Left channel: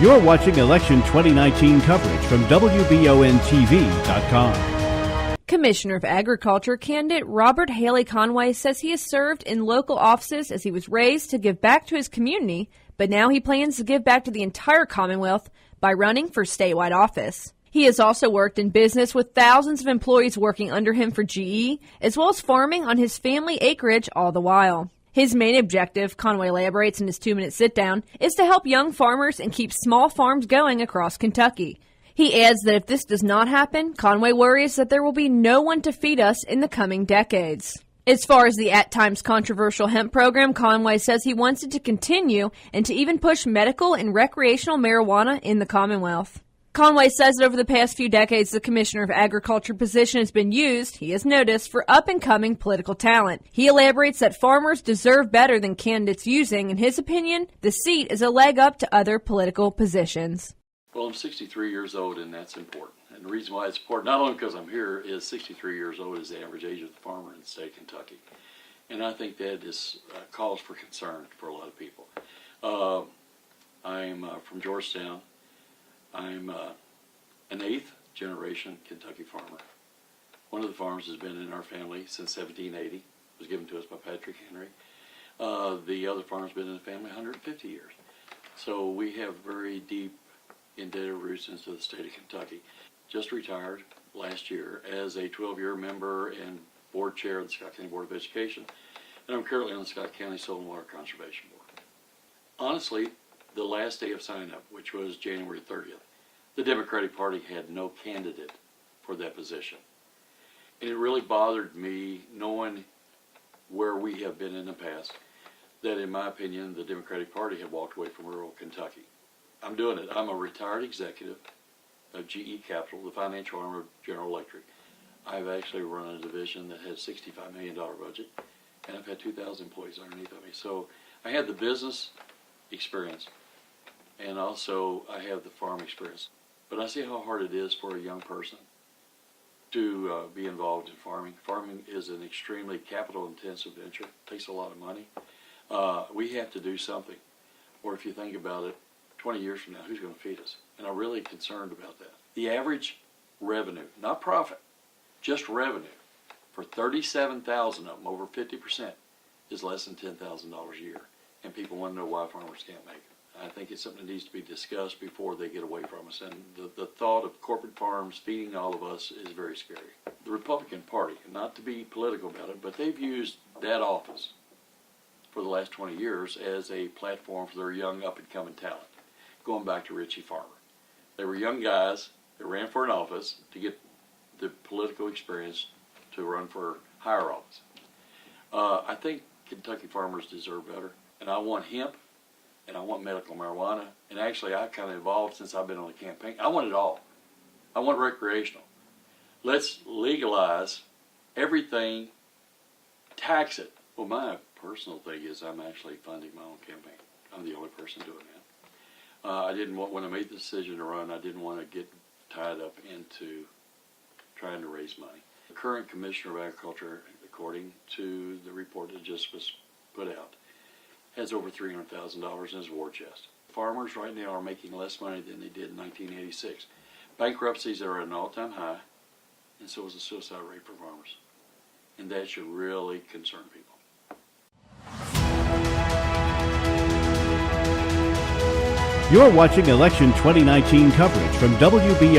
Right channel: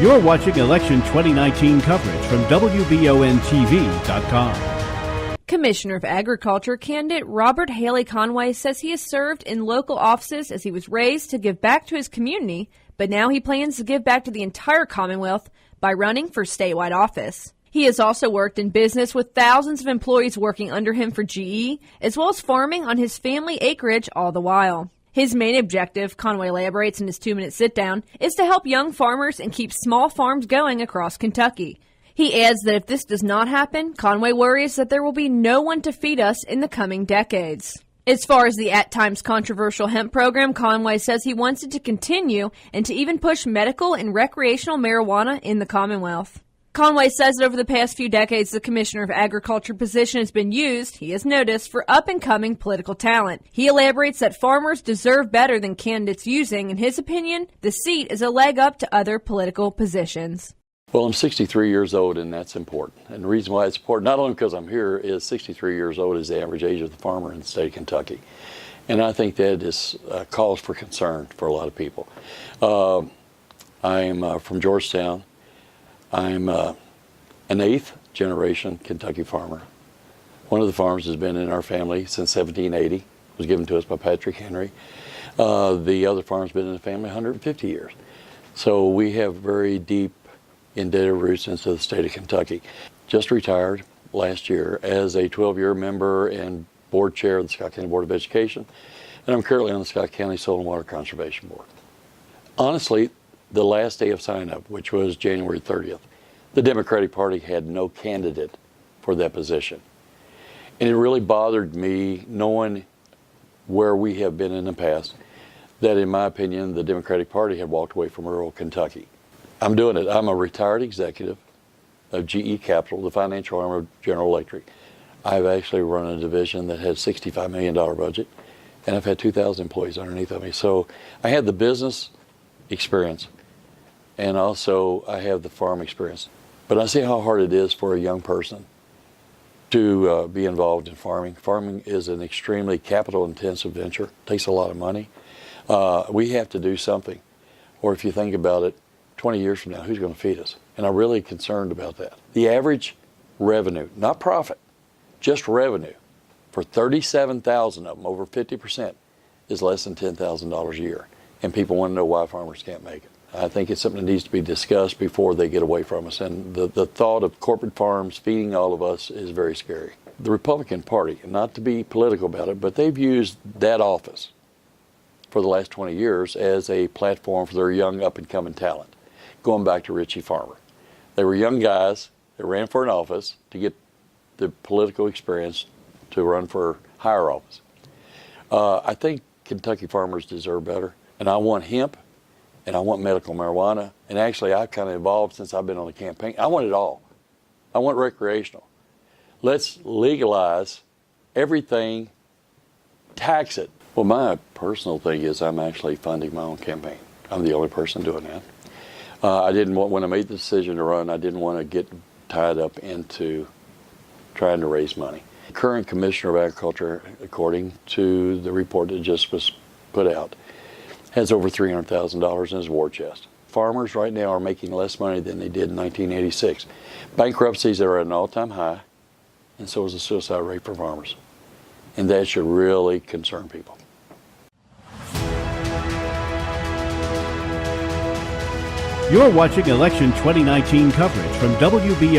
You're watching Election 2019 coverage from WBONTV.com. Commissioner of Agriculture candidate Robert Haley Conway says he has served in local offices as he was raised to give back to his community, but now he plans to give back to the entire Commonwealth by running for statewide office. He has also worked in business with thousands of employees working under him for GE, as well as farming on his family acreage all the while. His main objective, Conway elaborates in his 2-minute sit-down, is to help young farmers and keep small farms going across Kentucky. He adds that if this does not happen, Conway worries that there will be no one to feed us in the coming decades. As far as the at times controversial hemp program, Conway says he wants it to continue and to even push medical and recreational marijuana in the Commonwealth. Conway says that over the past few decades, the Commissioner of Agriculture position has been used, he has noticed, for up-and-coming political talent. He elaborates that farmers deserve better than candidates using, in his opinion, the seat is a leg up to other political positions. Well, I'm 63 years old, and that's important. And the reason why it's important, not only because I'm here, is 63 years old is the average age of the farmer in the state of Kentucky. And I think that is a cause for concern for a lot of people. I'm from Georgetown. I'm an 8th generation Kentucky farmer. One of the farms has been in our family since 1780. It was given to us by Patrick Henry. The other farm's been in the family 150 years. So we have very deep indebted roots into the state of Kentucky. Just retired last year as a 12-year member and board chair of the Scott County Board of Education, and I'm currently on the Scott County Soil and Water Conservation Board. Honestly, the last day of sign-up, which was January 30th, the Democratic Party had no candidate for that position. And it really bothered me, knowing where we have been in the past, that in my opinion, the Democratic Party had walked away from rural Kentucky. I'm doing it. I'm a retired executive of GE Capital, the financial arm of General Electric. I've actually run a division that had a $65 million budget, and I've had 2,000 employees underneath of me. So I have the business experience, and also I have the farm experience. But I see how hard it is for a young person to be involved in farming. Farming is an extremely capital-intensive venture. It takes a lot of money. We have to do something. Or if you think about it, 20 years from now, who's going to feed us? And I'm really concerned about that. The average revenue, not profit, just revenue, for 37,000 of them, over 50%, is less than $10,000 a year. And people want to know why farmers can't make it. I think it's something that needs to be discussed before they get away from us. And the thought of corporate farms feeding all of us is very scary. The Republican Party, not to be political about it, but they've used that office for the last 20 years as a platform for their young up-and-coming talent. Going back to Richie Farmer. They were young guys that ran for an office to get the political experience to run for higher office. I think Kentucky farmers deserve better, and I want hemp, and I want medical marijuana, and actually I've kind of evolved since I've been on the campaign. I want it all. I want recreational. Let's legalize everything, tax it. Well, my personal thing is I'm actually funding my own campaign. I'm the only person doing that. I didn't want, when I made the decision to run, I didn't want to get tied up into trying to raise money. The current Commissioner of Agriculture, according to the report that just was put out, has over $300,000 in his war chest. Farmers right now are making less money than they did in 1986. Bankruptcies are at an all-time high, and so is the suicide rate for farmers. And that should really concern people. You're watching Election 2019 coverage from WBONTV.com.